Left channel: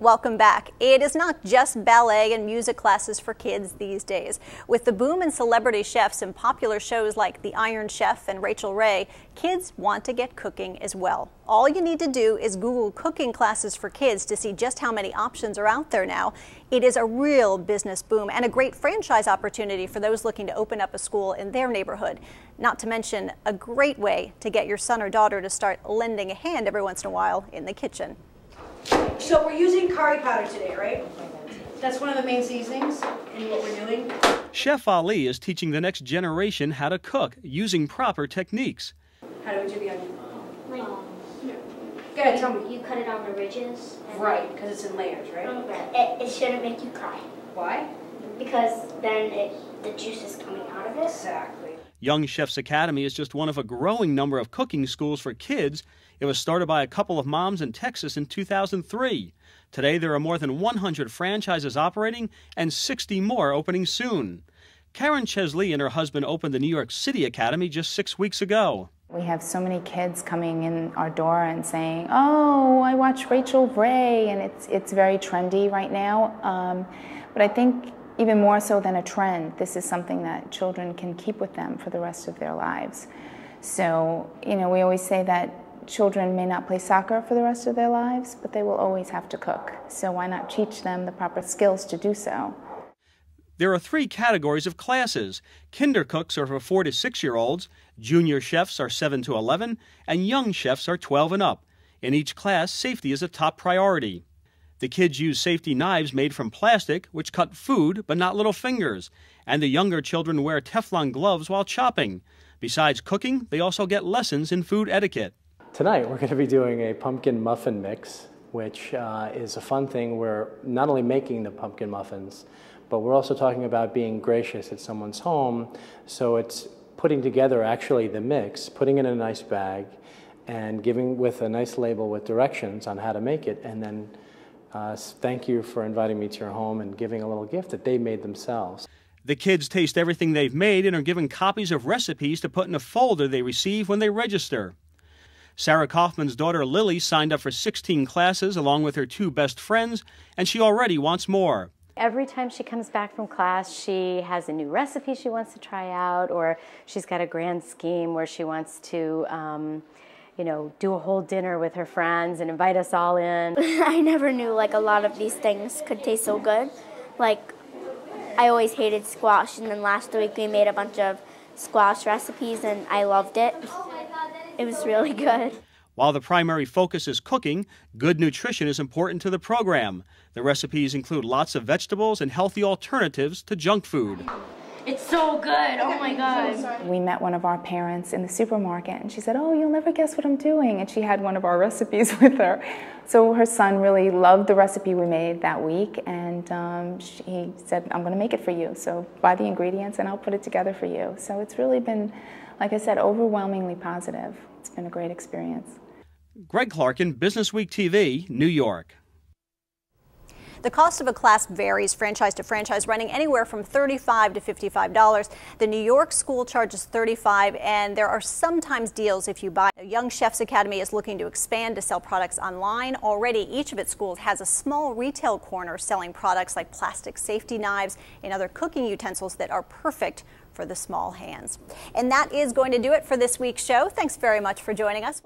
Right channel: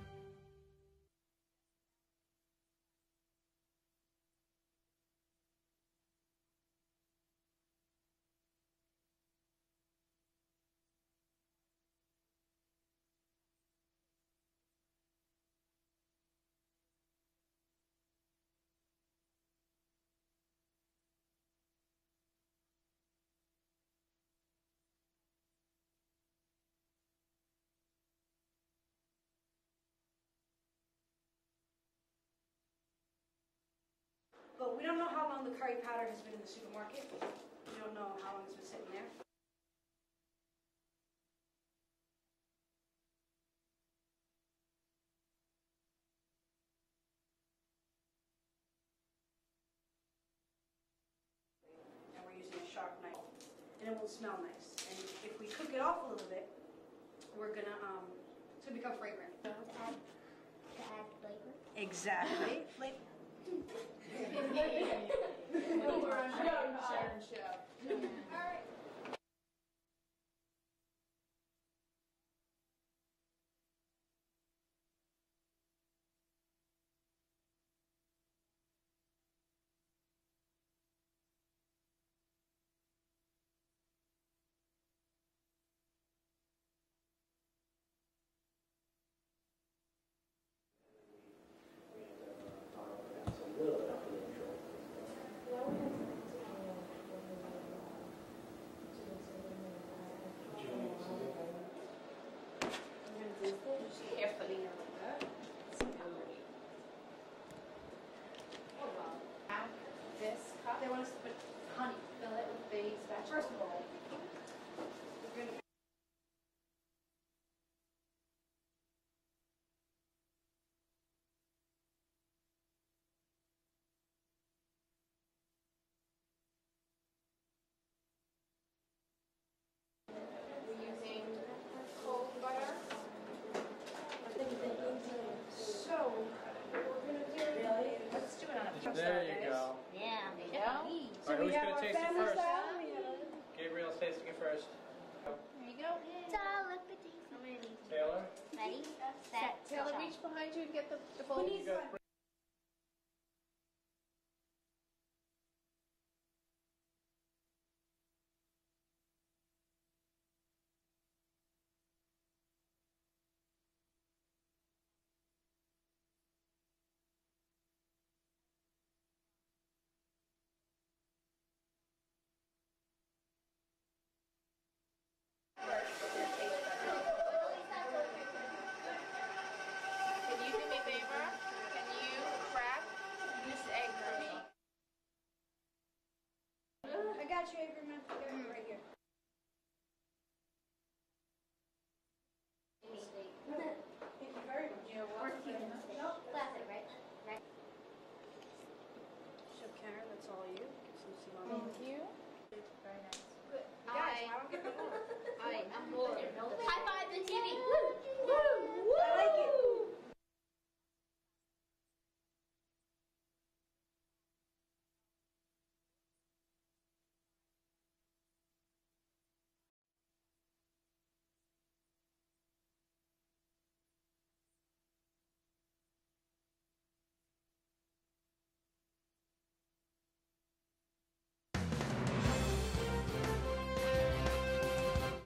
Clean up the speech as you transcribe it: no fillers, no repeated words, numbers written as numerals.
Welcome back. It is not just ballet and music classes for kids these days. With the boom in celebrity chefs and popular shows like The Iron Chef and Rachel Ray, kids want to get cooking as well. All you need to do is Google cooking classes for kids to see just how many options are out there now. It is a real business boom and a great franchise opportunity for those looking to open up a school in their neighborhood. Not to mention a great way to get your son or daughter to start lending a hand every once in a while in the kitchen. So we're using curry powder today, right? That's one of the main seasonings in what we're doing. Chef Ali is teaching the next generation how to cook using proper techniques. How do we do the onion? Like, Go ahead, tell me. you cut it on the ridges. Right, because it's in layers, right? It shouldn't make you cry. Why? Because then the juice is coming out of it. Exactly. Young Chefs Academy is just one of a growing number of cooking schools for kids. It was started by a couple of moms in Texas in 2003. Today there are more than 100 franchises operating and 60 more opening soon. Karen Chesley and her husband opened the New York City Academy just 6 weeks ago. We have so many kids coming in our door and saying, "Oh, I watch Rachel Ray," and it's very trendy right now. But I think even more so than a trend, this is something that children can keep with them for the rest of their lives. So, we always say that children may not play soccer for the rest of their lives, but they will always have to cook. So why not teach them the proper skills to do so? There are 3 categories of classes. Kinder cooks are for 4 to 6-year-olds, junior chefs are 7 to 11, and young chefs are 12 and up. In each class, safety is a top priority. The kids use safety knives made from plastic, which cut food but not little fingers. And the younger children wear Teflon gloves while chopping. Besides cooking, they also get lessons in food etiquette. Tonight we're going to be doing a pumpkin muffin mix, which is a fun thing. We're not only making the pumpkin muffins, but we're also talking about being gracious at someone's home. So it's putting together actually the mix, putting it in a nice bag, and giving with a nice label with directions on how to make it, and then thank you for inviting me to your home and giving a little gift that they made themselves. The kids taste everything they've made and are given copies of recipes to put in a folder they receive when they register. Sarah Kaufman's daughter Lily signed up for 16 classes along with her 2 best friends, and she already wants more. Every time she comes back from class, she has a new recipe she wants to try out, or she's got a grand scheme where she wants to do a whole dinner with her friends and invite us all in. I never knew a lot of these things could taste so good. I always hated squash, and then last week we made a bunch of squash recipes and I loved it. It was really good. While the primary focus is cooking, good nutrition is important to the program. The recipes include lots of vegetables and healthy alternatives to junk food. It's so good. Oh my God. We met one of our parents in the supermarket and she said, "Oh, you'll never guess what I'm doing." And she had one of our recipes with her. So her son really loved the recipe we made that week, and he said, "I'm going to make it for you. So buy the ingredients and I'll put it together for you." So it's really been, like I said, overwhelmingly positive. It's been a great experience. Greg Clarkin, BusineessWeek TV, New York. The cost of a class varies franchise to franchise, running anywhere from $35 to $55. The New York school charges $35, and there are sometimes deals if you buy. Young Chefs Academy is looking to expand to sell products online. Already, each of its schools has a small retail corner selling products like plastic safety knives and other cooking utensils that are perfect for the small hands. And that is going to do it for this week's show. Thanks very much for joining us.